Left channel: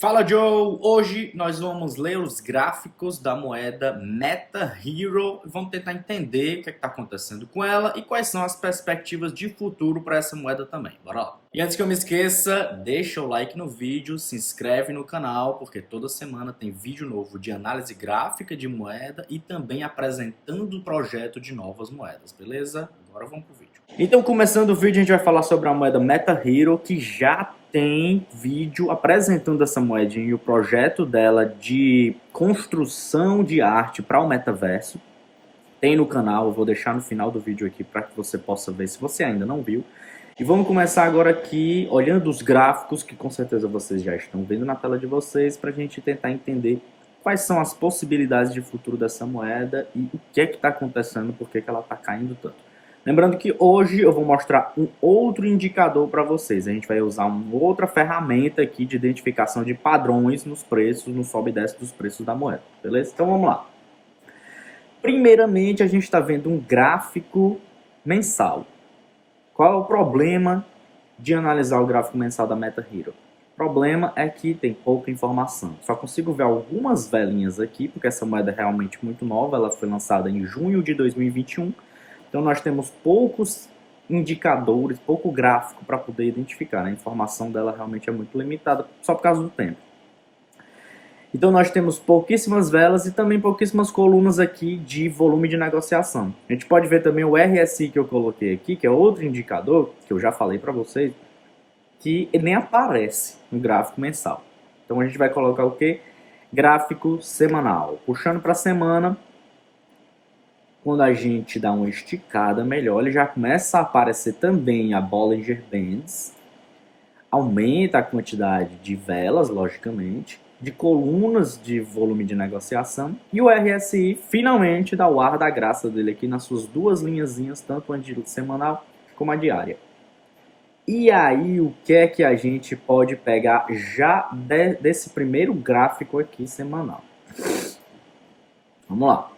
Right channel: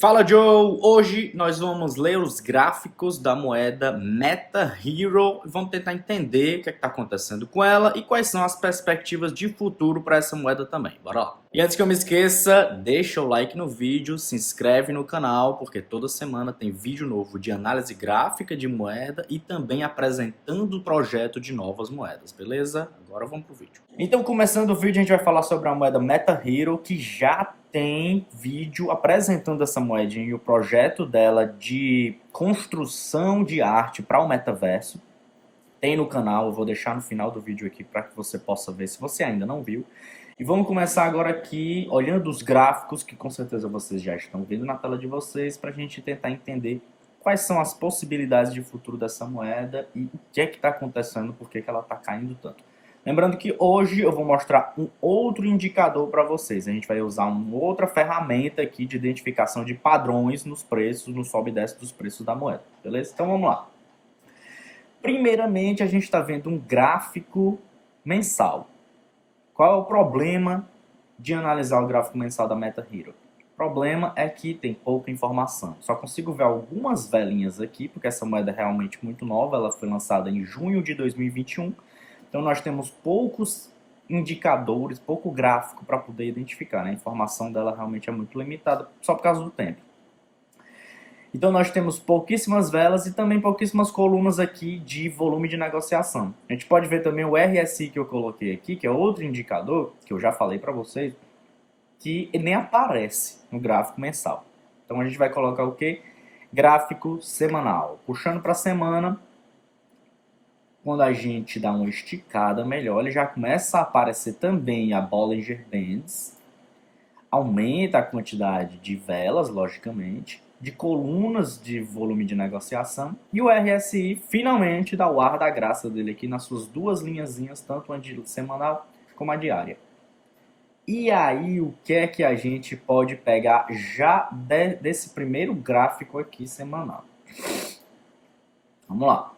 Fala Joe! Hoje nós vamos ler os gráficos da moeda Meta Hero e vamos tentar entender o que está acontecendo com ela e quais são as perspectivas de futuro para essa moeda também. Bora lá! E antes que eu me esqueça, deixa o like no vídeo, se inscreve no canal, porque toda semana tem vídeo novo de análise gráfica de moeda e também apresentando o projeto de novas moedas, beleza? Agora vamos pro vídeo. Então, começando o vídeo, a gente vai falar sobre a moeda Meta Hero, que já tem vídeo apresentando essa moedinha e o projeto dela de construção de arte para o metaverso. Tem no canal, eu vou deixar no final do vídeo aqui para que você possa ver se você ainda não viu. E vamos começar agora aqui olhando os gráficos que com certeza vocês já estão vendo na tela de vocês para a gente tentar entender quais são as possibilidades de futuro dessa moeda e o que é que está acontecendo, por que ela está caindo tanto. Lembrando que hoje eu vou mostrar um outro indicador para vocês. A gente vai usar uma outra ferramenta aqui de identificação de padrões nos preços, no sobe e desce dos preços da moeda, beleza? Então vamos lá. Primeiramente, a gente está vendo um gráfico mensal. Qual é o problema de analisar o gráfico mensal da Meta Hero? O problema é que tem pouca informação. Só consigo ver algumas velinhas aqui, porque essa moeda é realmente muito nova. Ela foi lançada em junho de 2021. Então nós temos poucos indicadores, pouco gráfico para poder identificar, né? A informação dela realmente é muito limitada, só por causa do tempo. Então nós temos pouquíssimas velas e também pouquíssimas colunas aqui de volume de negociação. A gente pode ver também o RSI que eu coloquei aqui, que é outro indicador, que eu já falei para vocês, que nem aparece no gráfico mensal. Então a gente vai colocar o quê? Gráfico semanal. Puxando para a semana, quando a gente dá uma esticada melhor, ele já começa a aparecer também a Bollinger Bands, aumenta a quantidade de velas, logicamente, de colunas de volume de negociação, e o RSI finalmente dá o ar da graça dele aqui nas suas duas linhazinhas, tanto a de semanal como a diária. E aí, o que é que a gente pode pegar já desse primeiro gráfico aqui semanal? Vamos lá.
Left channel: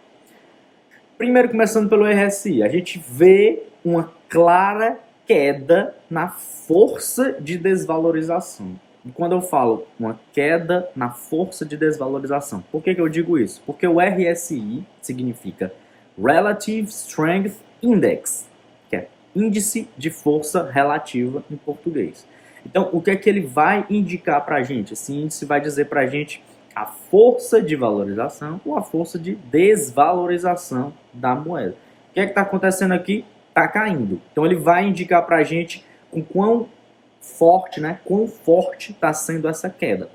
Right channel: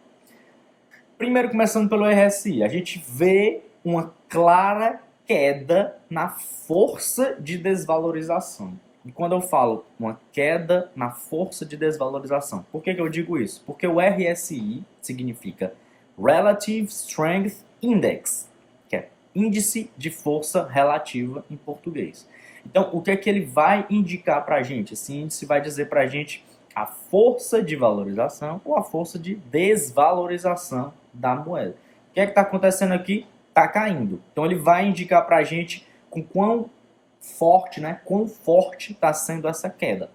Primeiro, começando pelo RSI, a gente vê uma clara queda na força de desvalorização. E quando eu falo uma queda na força de desvalorização, por que eu digo isso? Porque o RSI significa Relative Strength Index, que é índice de força relativa em português. Então, o que é que ele vai indicar para a gente? Esse índice vai dizer para a gente a força de valorização ou a força de desvalorização da moeda. O que é que está acontecendo aqui? Está caindo. Então ele vai indicar para a gente com quão forte, né? Quão forte está sendo essa queda.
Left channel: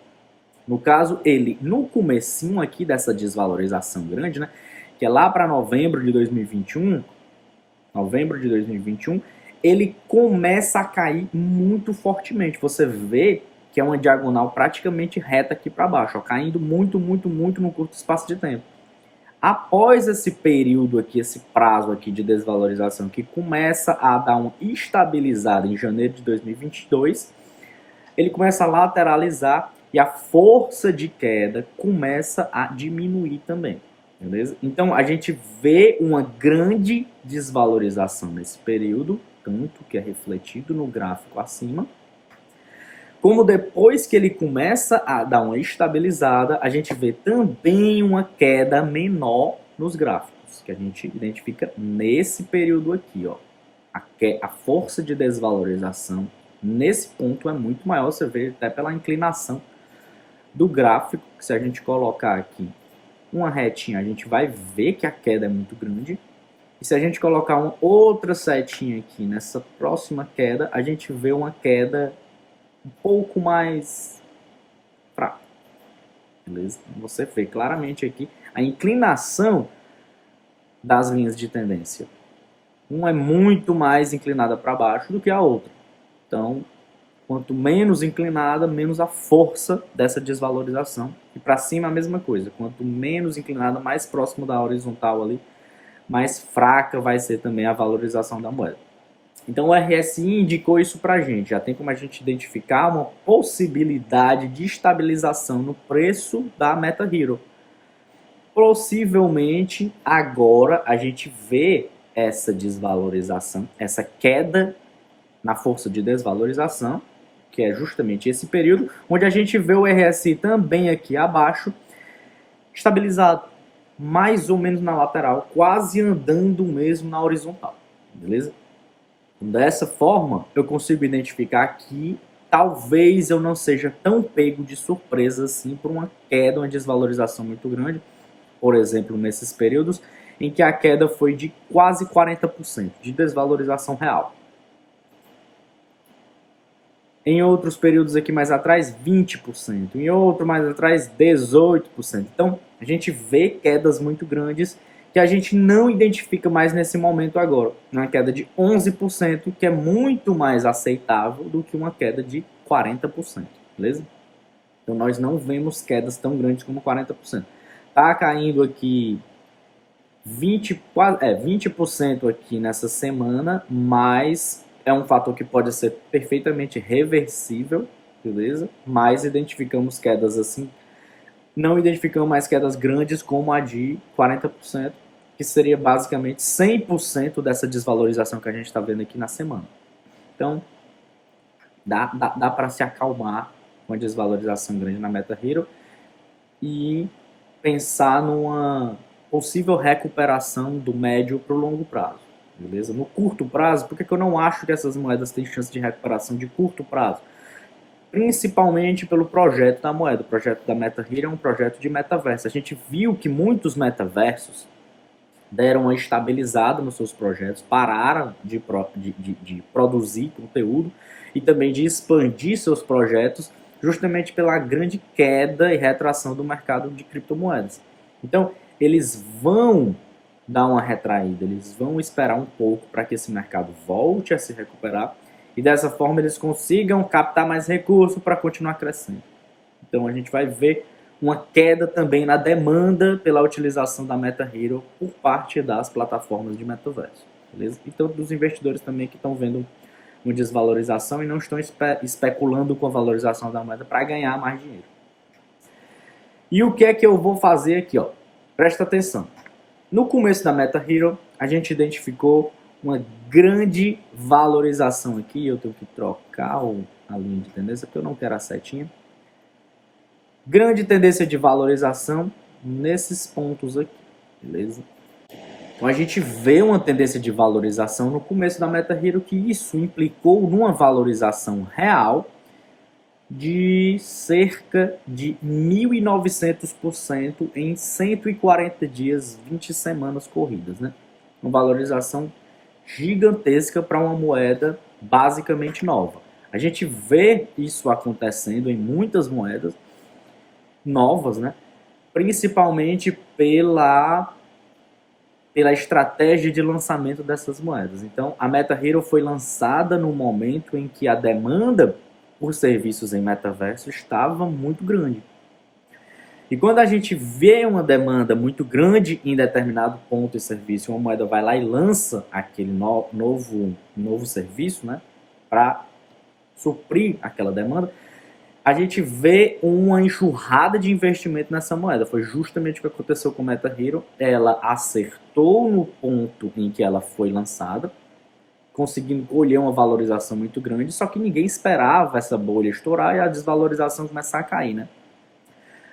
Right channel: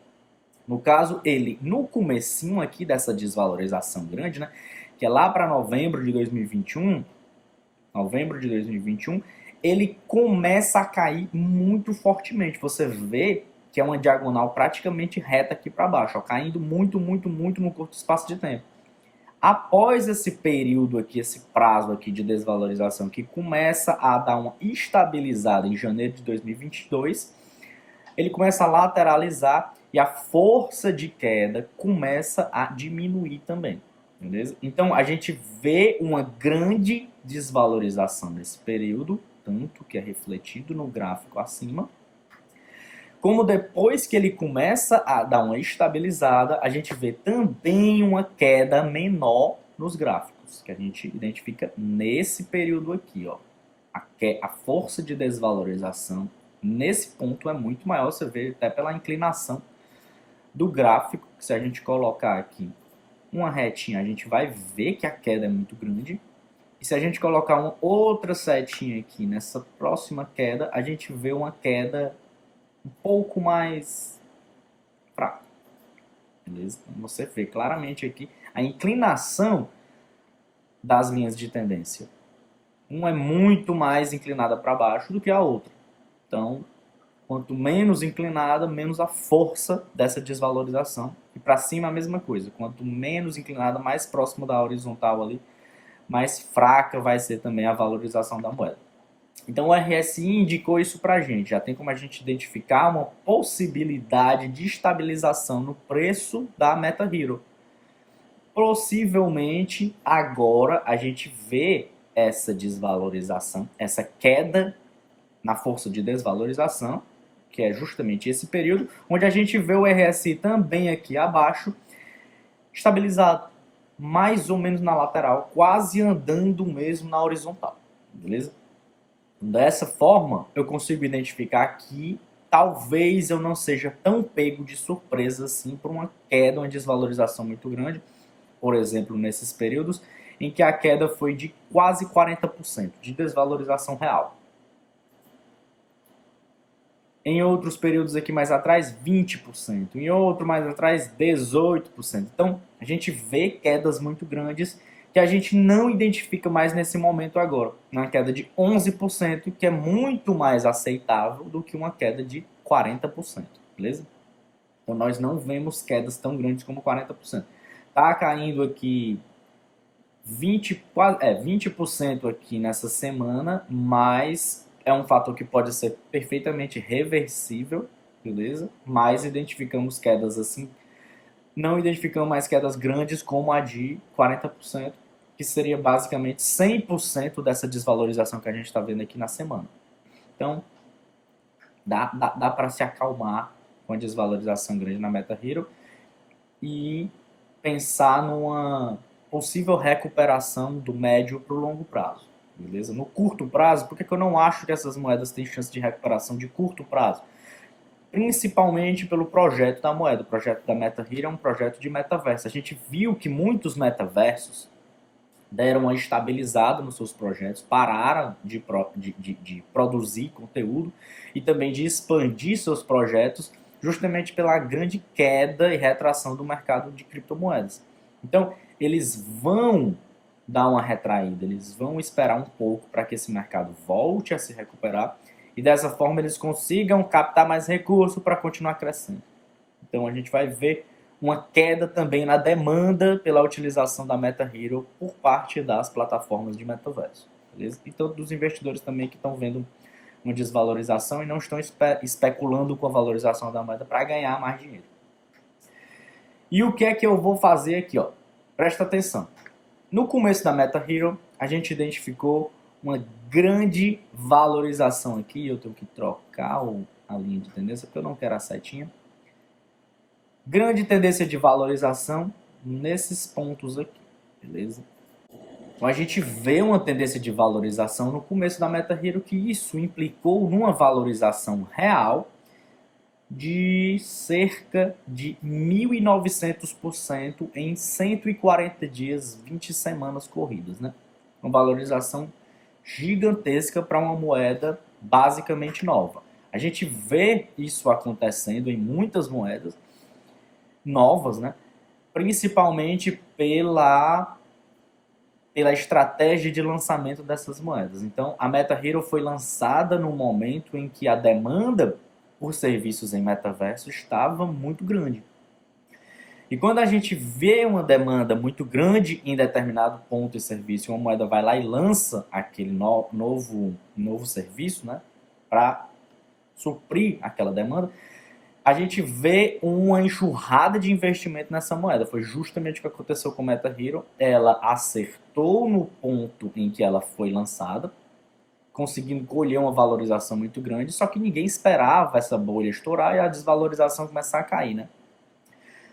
No caso, ele no comecinho aqui dessa desvalorização grande, né? Que é lá para novembro de 2021, ele começa a cair muito fortemente. Você vê que é uma diagonal praticamente reta aqui para baixo, ó, caindo muito no curto espaço de tempo. Após esse período aqui, esse prazo aqui de desvalorização que começa a dar uma estabilizada em janeiro de 2022, ele começa a lateralizar e a força de queda começa a diminuir também, beleza? Então a gente vê uma grande desvalorização nesse período, tanto que é refletido no gráfico acima, como depois que ele começa a dar uma estabilizada, a gente vê também uma queda menor nos gráficos, que a gente identifica nesse período aqui, ó. A força de desvalorização nesse ponto é muito maior, você vê até pela inclinação do gráfico, que se a gente colocar aqui uma retinha, a gente vai ver que a queda é muito grande. E se a gente colocar uma outra setinha aqui nessa próxima queda, a gente vê uma queda um pouco mais fraco, beleza? Você vê claramente aqui a inclinação das linhas de tendência. Uma é muito mais inclinada para baixo do que a outra. Então, quanto menos inclinada, menos a força dessa desvalorização. E para cima a mesma coisa. Quanto menos inclinada, mais próximo da horizontal ali, mais fraca vai ser também a valorização da moeda. Então o RSI indicou isso para a gente, já tem como a gente identificar uma possibilidade de estabilização no preço da Meta Hero. Possivelmente agora a gente vê essa desvalorização, essa queda na força de desvalorização, que é justamente esse período, onde a gente vê o RSI também aqui abaixo, estabilizado, mais ou menos na lateral, quase andando mesmo na horizontal, beleza? Dessa forma, eu consigo identificar que talvez eu não seja tão pego de surpresa assim por uma queda, uma desvalorização muito grande, por exemplo, nesses períodos em que a queda foi de quase 40% de desvalorização real. Em outros períodos aqui mais atrás, 20%. Em outro mais atrás, 18%. Então, a gente vê quedas muito grandes que a gente não identifica mais nesse momento agora. Uma queda de 11%, que é muito mais aceitável do que uma queda de 40%. Beleza? Então, nós não vemos quedas tão grandes como 40%. Tá caindo aqui 20% aqui nessa semana, mas é um fator que pode ser perfeitamente reversível, beleza? Mas identificamos quedas assim, não identificamos mais quedas grandes como a de 40%, que seria basicamente 100% dessa desvalorização que a gente está vendo aqui na semana. Então, dá para se acalmar com a desvalorização grande na MetaHero e pensar numa possível recuperação do médio para o longo prazo, beleza? No curto prazo, por que eu não acho que essas moedas têm chance de recuperação de curto prazo? Principalmente pelo projeto da moeda. O projeto da MetaHero é um projeto de metaverso. A gente viu que muitos metaversos deram uma estabilizada nos seus projetos, pararam de produzir conteúdo e também de expandir seus projetos justamente pela grande queda e retração do mercado de criptomoedas. Então, eles vão dar uma retraída, eles vão esperar um pouco para que esse mercado volte a se recuperar e dessa forma eles consigam captar mais recursos para continuar crescendo. Então, a gente vai ver uma queda também na demanda pela utilização da MetaHero por parte das plataformas de metaverso, beleza? Então, dos investidores também que estão vendo uma desvalorização e não estão especulando com a valorização da moeda para ganhar mais dinheiro. E o que é que eu vou fazer aqui, ó? Presta atenção. No começo da MetaHero, a gente identificou uma grande valorização aqui. Eu tenho que trocar a linha de tendência porque eu não quero a setinha. Grande tendência de valorização nesses pontos aqui, beleza? Então a gente vê uma tendência de valorização no começo da MetaHero que isso implicou numa valorização real de cerca de 1.900% em 140 dias, 20 semanas corridas, né? Uma valorização gigantesca para uma moeda basicamente nova. A gente vê isso acontecendo em muitas moedas novas, né? Principalmente pela estratégia de lançamento dessas moedas. Então, a MetaHero foi lançada no momento em que a demanda por serviços em metaverso estava muito grande. E quando a gente vê uma demanda muito grande em determinado ponto de serviço, uma moeda vai lá e lança aquele novo serviço, né, para suprir aquela demanda, a gente vê uma enxurrada de investimento nessa moeda. Foi justamente o que aconteceu com a MetaHero. Ela acertou no ponto em que ela foi lançada, conseguindo colher uma valorização muito grande, só que ninguém esperava essa bolha estourar e a desvalorização começar a cair, né?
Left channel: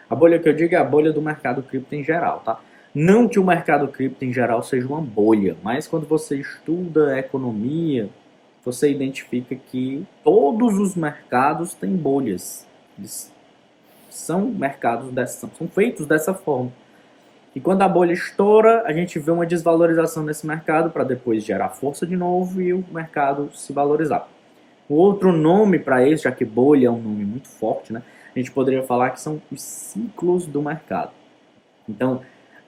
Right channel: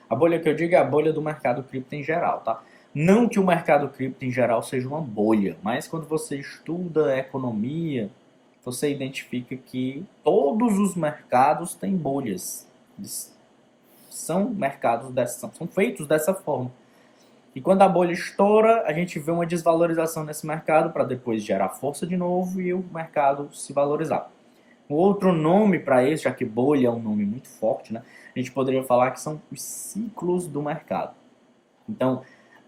A bolha que eu digo é a bolha do mercado cripto em geral, tá? Não que o mercado cripto em geral seja uma bolha, mas quando você estuda economia, você identifica que todos os mercados têm bolhas. Eles são mercados são feitos dessa forma. E quando a bolha estoura, a gente vê uma desvalorização nesse mercado para depois gerar força de novo e o mercado se valorizar. O outro nome para isso, já que bolha é um nome muito forte, né? A gente poderia falar que são os ciclos do mercado. Então,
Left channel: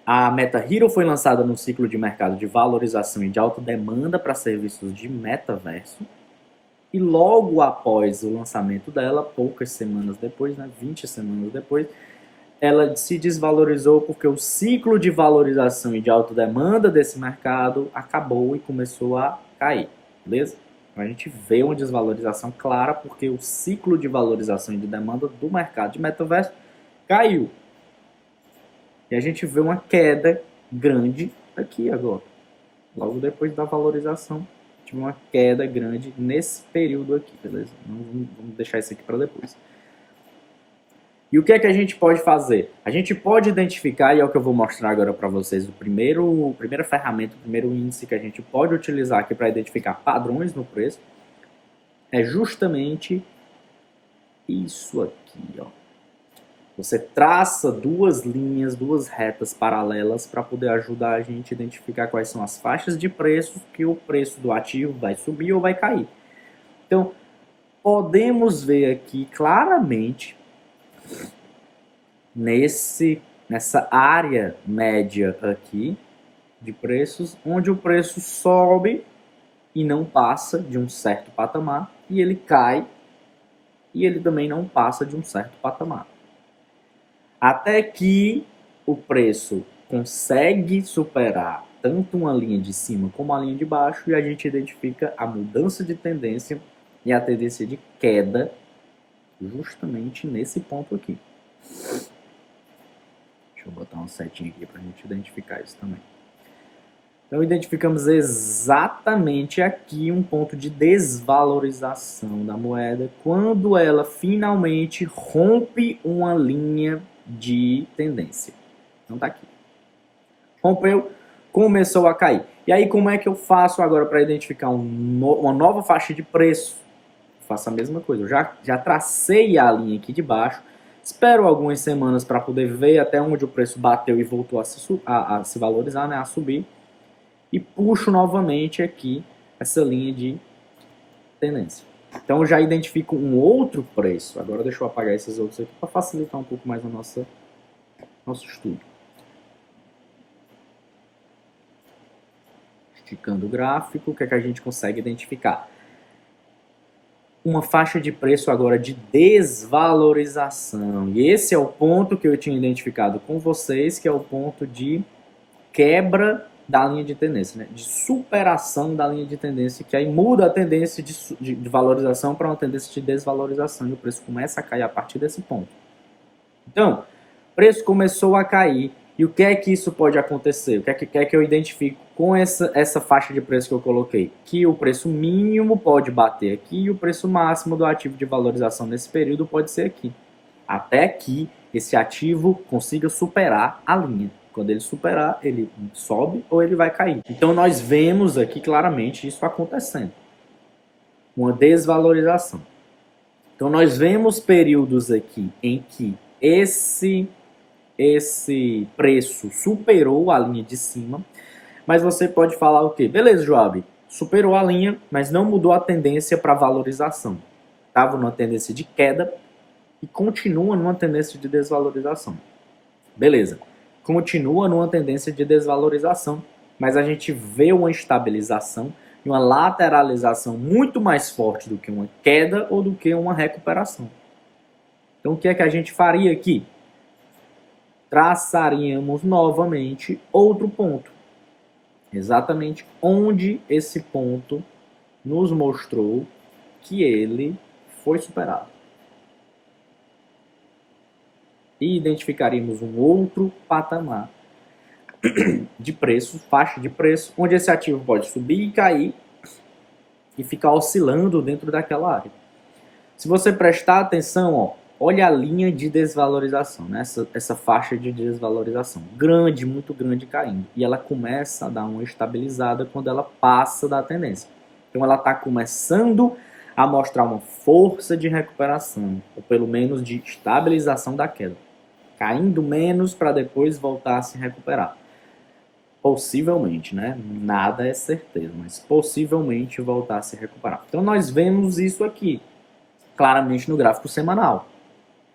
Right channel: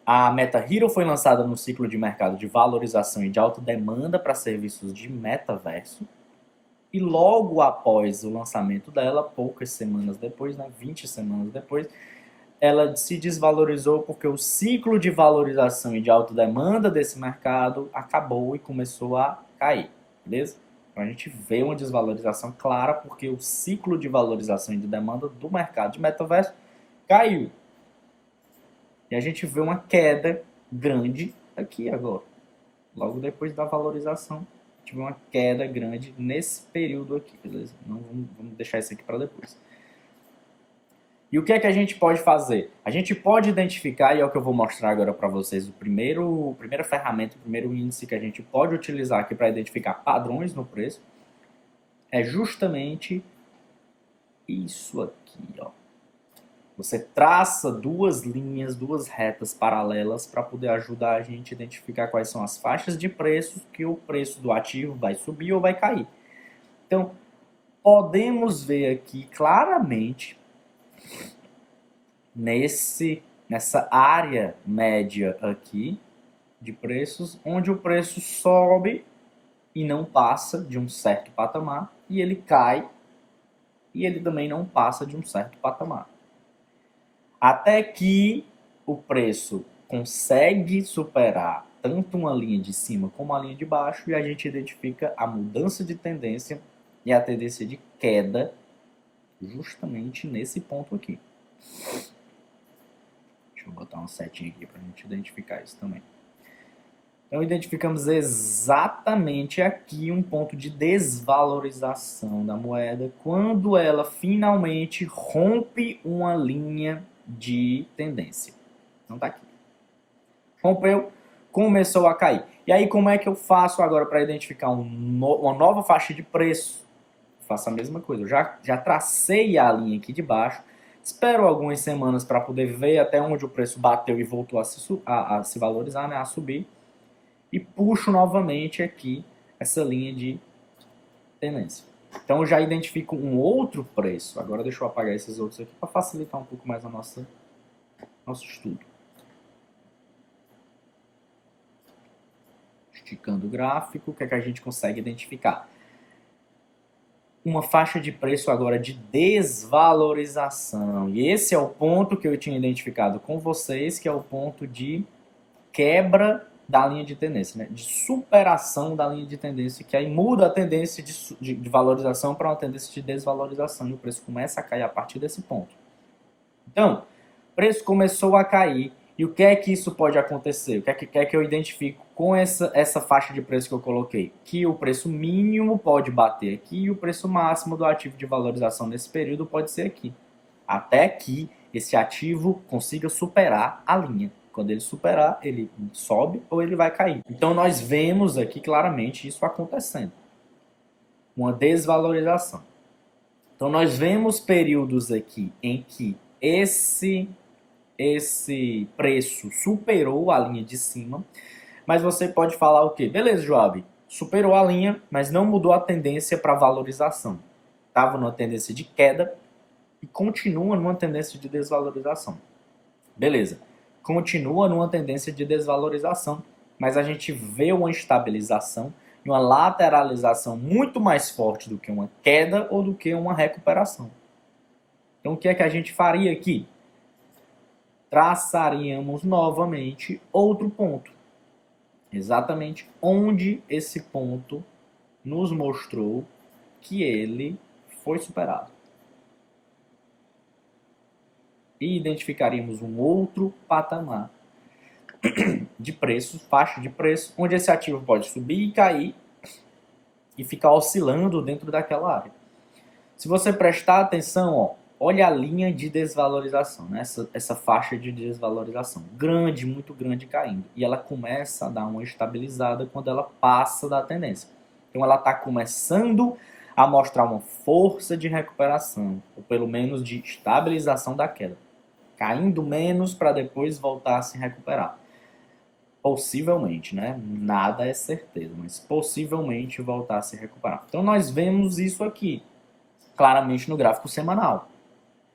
a MetaHero foi lançada no ciclo de mercado de valorização e de alta demanda para serviços de metaverso. E logo após o lançamento dela, poucas semanas depois, né, 20 semanas depois, ela se desvalorizou porque o ciclo de valorização e de alta demanda desse mercado acabou e começou a cair, beleza? Então a gente vê uma desvalorização clara porque o ciclo de valorização e de demanda do mercado de metaverso caiu. E a gente vê uma queda grande aqui agora. Logo depois da valorização, a gente tive uma queda grande nesse período aqui, beleza? Não, vamos deixar isso aqui para depois. E o que é que a gente pode fazer? A gente pode identificar, e é o que eu vou mostrar agora para vocês, primeira ferramenta, o primeiro índice que a gente pode utilizar aqui para identificar padrões no preço, é justamente isso aqui, ó. Você traça duas linhas, duas retas paralelas para poder ajudar a gente a identificar quais são as faixas de preço que o preço do ativo vai subir ou vai cair. Então, podemos ver aqui claramente nessa área média aqui de preços, onde o preço sobe e não passa de um certo patamar, e ele cai e ele também não passa de um certo patamar. Até que o preço consegue superar tanto uma linha de cima como a linha de baixo, e a gente identifica a mudança de tendência e a tendência de queda justamente nesse ponto aqui. Deixa eu botar uma setinha aqui para a gente identificar isso também. Então, identificamos exatamente aqui um ponto de desvalorização da moeda quando ela finalmente rompe uma linha de tendência. Então, tá aqui. Rompeu, começou a cair. E aí, como é que eu faço agora para identificar uma nova faixa de preço? Faço a mesma coisa. Eu já tracei a linha aqui de baixo. Espero algumas semanas para poder ver até onde o preço bateu e voltou a se valorizar, né, a subir. E puxo novamente aqui essa linha de tendência. Então eu já identifico um outro preço. Agora deixa eu apagar esses outros aqui para facilitar um pouco mais o nosso estudo. Esticando o gráfico, o que é que a gente consegue identificar? Uma faixa de preço agora de desvalorização. E esse é o ponto que eu tinha identificado com vocês, que é o ponto de quebra da linha de tendência, né? De superação da linha de tendência, que aí muda a tendência de valorização para uma tendência de desvalorização, e o preço começa a cair a partir desse ponto. Então, o preço começou a cair, e o que é que isso pode acontecer? O que é que eu identifico com essa faixa de preço que eu coloquei? Que o preço mínimo pode bater aqui, e o preço máximo do ativo de valorização nesse período pode ser aqui. Até que esse ativo consiga superar a linha. Quando ele superar, ele sobe ou ele vai cair. Então, nós vemos aqui claramente isso acontecendo. Uma desvalorização. Então, nós vemos períodos aqui em que esse preço superou a linha de cima, mas você pode falar o quê? Beleza, Joab, superou a linha, mas não mudou a tendência para valorização. Estava numa tendência de queda e continua numa tendência de desvalorização. Beleza. Continua numa tendência de desvalorização, mas a gente vê uma estabilização e uma lateralização muito mais forte do que uma queda ou do que uma recuperação. Então, o que é que a gente faria aqui? Traçaríamos novamente outro ponto. Exatamente onde esse ponto nos mostrou que ele foi superado. E identificaríamos um outro patamar de preço, faixa de preço, onde esse ativo pode subir e cair e ficar oscilando dentro daquela área. Se você prestar atenção, ó, olha a linha de desvalorização, né? essa faixa de desvalorização, grande, muito grande caindo. E ela começa a dar uma estabilizada quando ela passa da tendência. Então ela está começando a mostrar uma força de recuperação, ou pelo menos de estabilização da queda. Caindo menos para depois voltar a se recuperar. Possivelmente, né? Nada é certeza, mas possivelmente voltar a se recuperar. Então nós vemos isso aqui, claramente no gráfico semanal.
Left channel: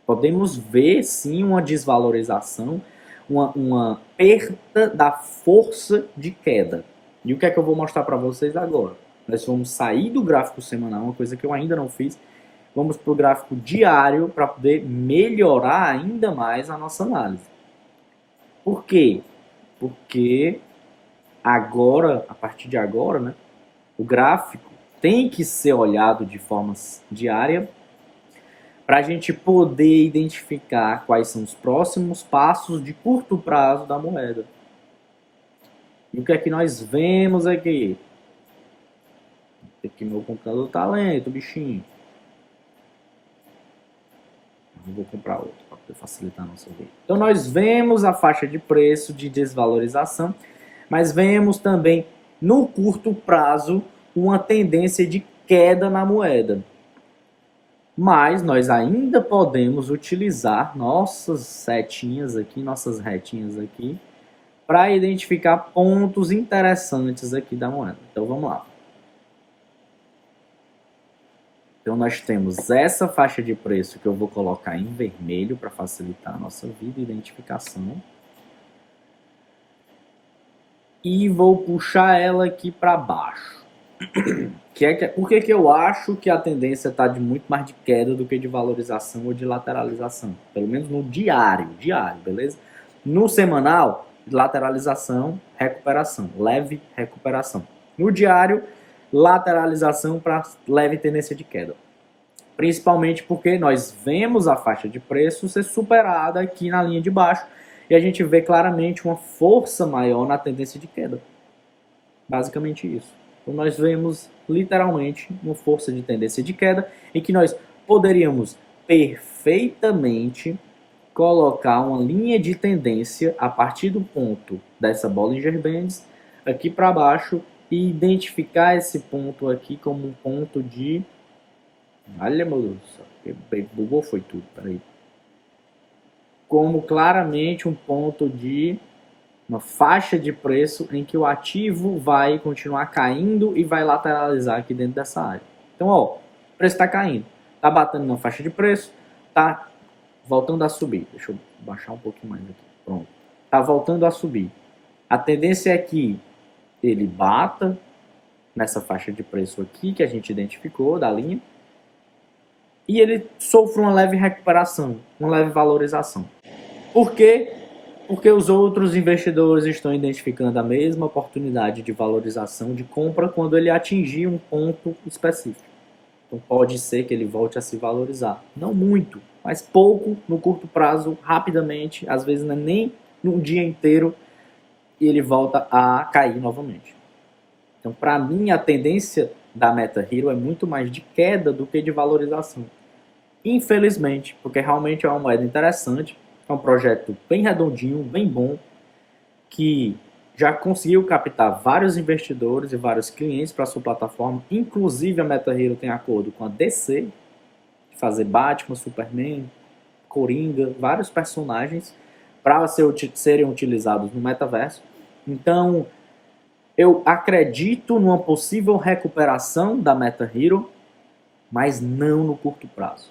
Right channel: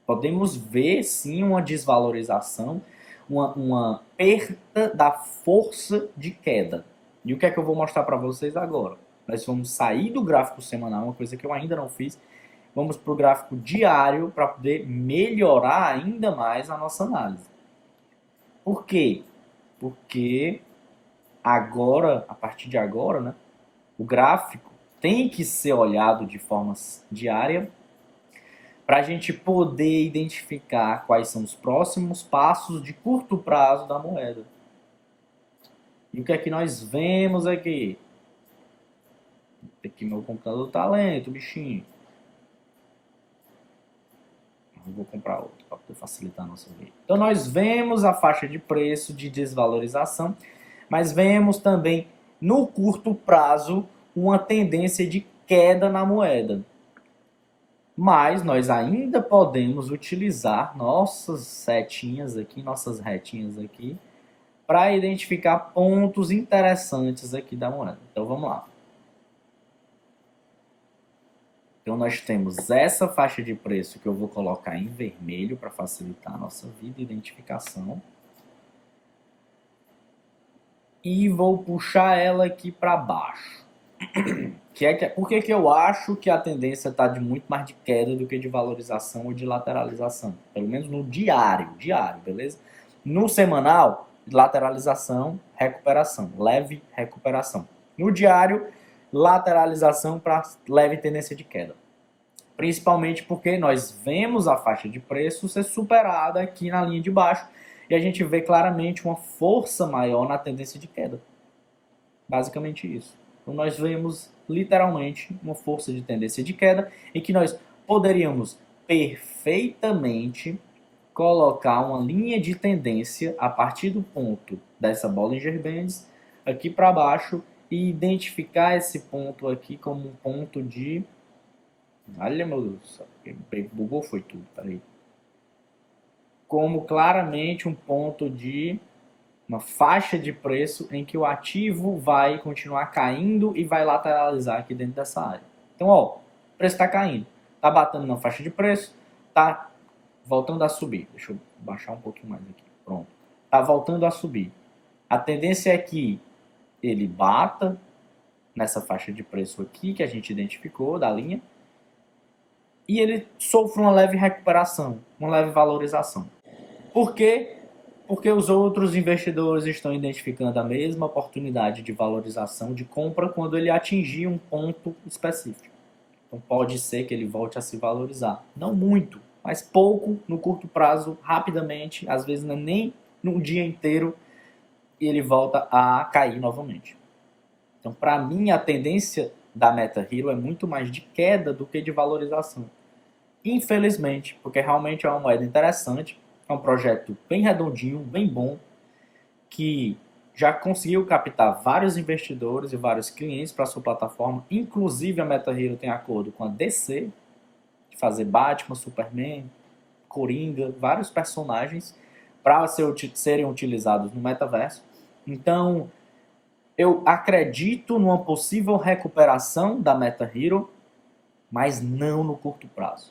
Podemos ver sim uma desvalorização, uma perda da força de queda. E o que é que eu vou mostrar para vocês agora? Nós vamos sair do gráfico semanal, uma coisa que eu ainda não fiz. Vamos para o gráfico diário para poder melhorar ainda mais a nossa análise. Por quê? Porque agora, a partir de agora, né, o gráfico tem que ser olhado de forma diária para a gente poder identificar quais são os próximos passos de curto prazo da moeda. E o que é que nós vemos aqui? Aqui meu computador tá lento, bichinho. Eu vou comprar outro para poder facilitar a nossa vida. Então nós vemos a faixa de preço de desvalorização, mas vemos também no curto prazo uma tendência de queda na moeda. Mas nós ainda podemos utilizar nossas setinhas aqui, nossas retinhas aqui, para identificar pontos interessantes aqui da moeda. Então vamos lá. Então nós temos essa faixa de preço que eu vou colocar em vermelho para facilitar a nossa vida e identificação. E vou puxar ela aqui para baixo. Por que eu acho que a tendência está de muito mais de queda do que de valorização ou de lateralização? Pelo menos no diário, beleza? No semanal, lateralização, recuperação, leve recuperação. No diário, lateralização para leve tendência de queda. Principalmente porque nós vemos a faixa de preço ser superada aqui na linha de baixo e a gente vê claramente uma força maior na tendência de queda. Basicamente isso. Então nós vemos literalmente uma força de tendência de queda e que nós poderíamos perfeitamente colocar uma linha de tendência a partir do ponto dessa Bollinger Bands aqui para baixo e identificar esse ponto aqui como um ponto de... Olha, meu Deus, bugou foi tudo, peraí. Como claramente um ponto de uma faixa de preço em que o ativo vai continuar caindo e vai lateralizar aqui dentro dessa área. Então, ó, o preço está caindo, está batendo na faixa de preço, está voltando a subir. Deixa eu baixar um pouquinho mais aqui. Pronto. Está voltando a subir. A tendência é que ele bata nessa faixa de preço aqui que a gente identificou da linha e ele sofre uma leve recuperação, uma leve valorização. Por quê? Porque os outros investidores estão identificando a mesma oportunidade de valorização de compra quando ele atingir um ponto específico. Então pode ser que ele volte a se valorizar. Não muito, mas pouco no curto prazo, rapidamente, às vezes não é nem num dia inteiro, e ele volta a cair novamente. Então, para mim, a tendência da MetaHero é muito mais de queda do que de valorização. Infelizmente, porque realmente é uma moeda interessante, é um projeto bem redondinho, bem bom, que já conseguiu captar vários investidores e vários clientes para sua plataforma. Inclusive, a MetaHero tem acordo com a DC, de fazer Batman, Superman, Coringa, vários personagens para serem utilizados no metaverso. Então, eu acredito numa possível recuperação da MetaHero, mas não no curto prazo.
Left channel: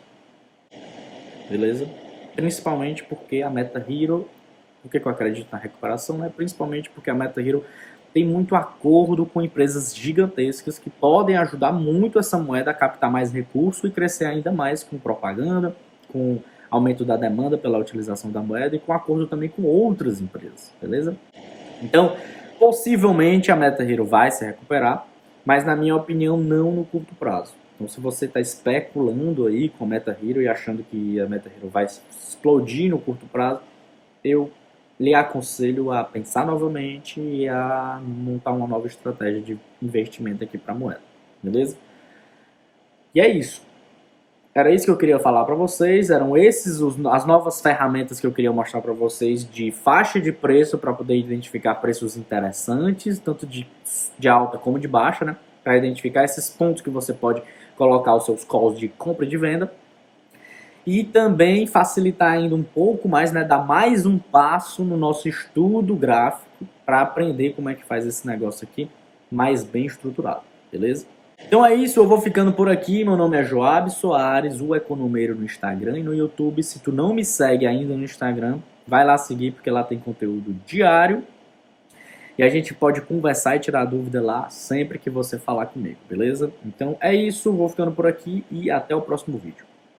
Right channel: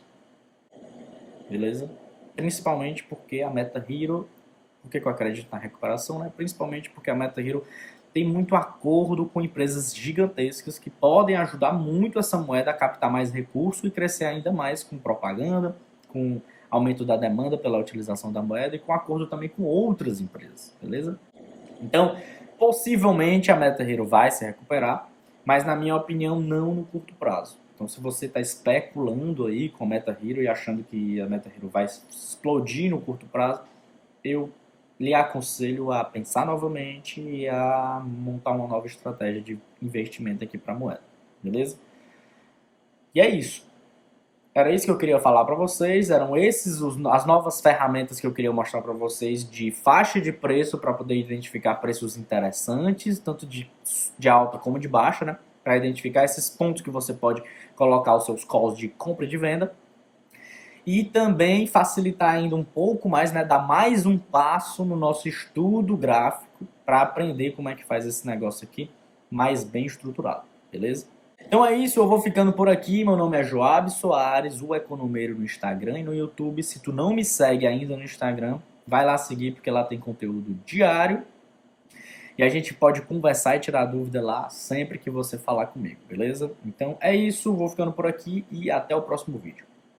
Beleza? Principalmente porque a MetaHero, por que eu acredito na recuperação, né? Principalmente porque a MetaHero tem muito acordo com empresas gigantescas que podem ajudar muito essa moeda a captar mais recurso e crescer ainda mais com propaganda, com aumento da demanda pela utilização da moeda e com acordo também com outras empresas, beleza? Então, possivelmente a MetaHero vai se recuperar, mas na minha opinião não no curto prazo. Então, se você está especulando aí com a MetaHero e achando que a MetaHero vai explodir no curto prazo, eu lhe aconselho a pensar novamente e a montar uma nova estratégia de investimento aqui para a moeda, beleza? E é isso. Era isso que eu queria falar para vocês, eram as novas ferramentas que eu queria mostrar para vocês de faixa de preço para poder identificar preços interessantes, tanto de alta como de baixa, né? Para identificar esses pontos que você pode colocar os seus calls de compra e de venda. E também facilitar ainda um pouco mais, né? Dar mais um passo no nosso estudo gráfico para aprender como é que faz esse negócio aqui mais bem estruturado, beleza? Então é isso, eu vou ficando por aqui. Meu nome é Joab Soares, o Economeiro no Instagram e no YouTube. Se tu não me segue ainda no Instagram, vai lá seguir porque lá tem conteúdo diário. E a gente pode conversar e tirar dúvida lá sempre que você falar comigo, beleza? Então é isso, vou ficando por aqui e até o próximo vídeo.